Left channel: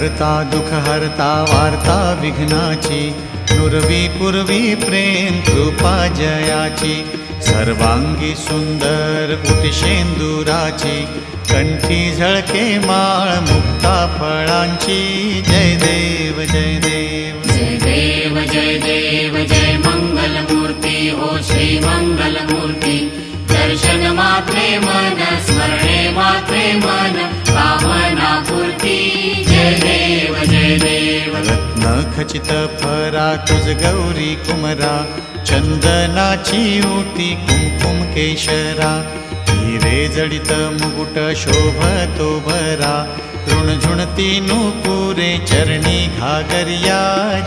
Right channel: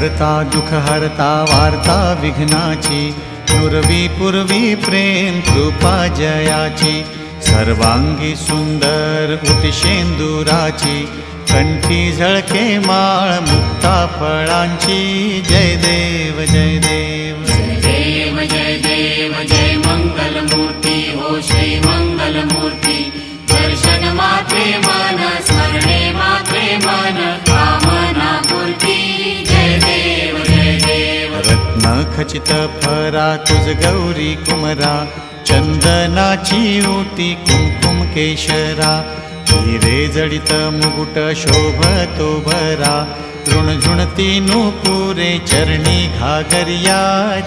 करता दुख हरता वार्ता विघ्नाची, नुरवी पूर्वी प्रेम कृपा जयाची, सर्वांगी सुंदर उटिशेंदुराची, कंठी झळके माळ मुक्ता फळांची, जय देव जय देव जय देव जय देव जय मंगल मूर्ती हो श्री मंगल मूर्ती, दर्शन मात्रे मन स्मरणे मात्रे मन कामना पूर्ती, जय देव जय देव। रत्न खचित फरा तुझ गौरी कुमरा, चंदनाची ओटी कुमकुम केशरा, हिरे जडित मुकुट शोभतो भरा, तृणझुणती नूपुरे चरणी घागरिया,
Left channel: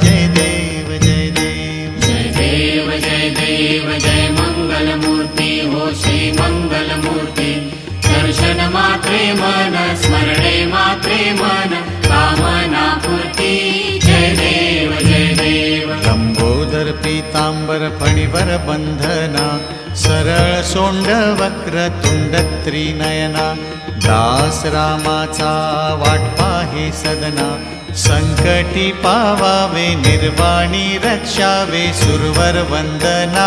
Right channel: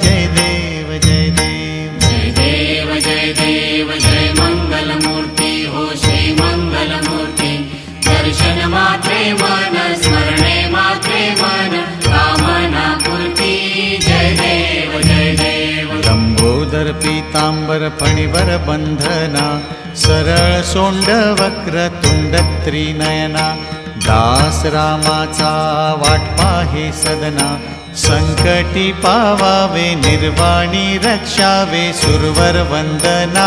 जय देव जय देव जय देव जय देव जय मंगल मूर्ती हो श्री मंगल मूर्ती, दर्शन मात्रे मन स्मरणे मात्रे मन कामना पूर्ती, जय देव जय देव। लंबोदर पीतांबर फणीवर बंधना, सरळ सोंड वक्र तुंड त्रिनयना, दास रामाचा वाट पाहे सदना, संकटी पावावे निर्वाणी रक्षावे सुरवर वंदना,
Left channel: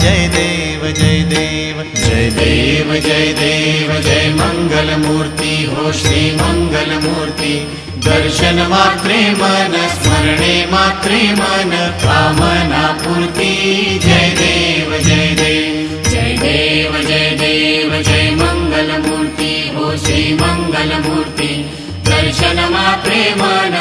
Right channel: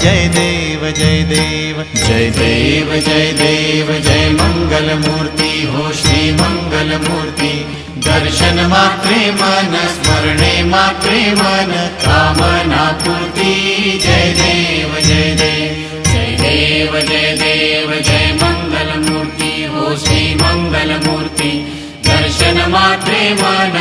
जय देव जय देव जय देव जय देव जय मंगल मूर्ती हो श्री मंगल मूर्ती, दर्शन मात्रे मन स्मरणे मात्रे मन कामना पूर्ती, जय देव जय देव जय देव जय देव जय मंगल मूर्ती हो श्री मंगल मूर्ती, दर्शन मात्रे मन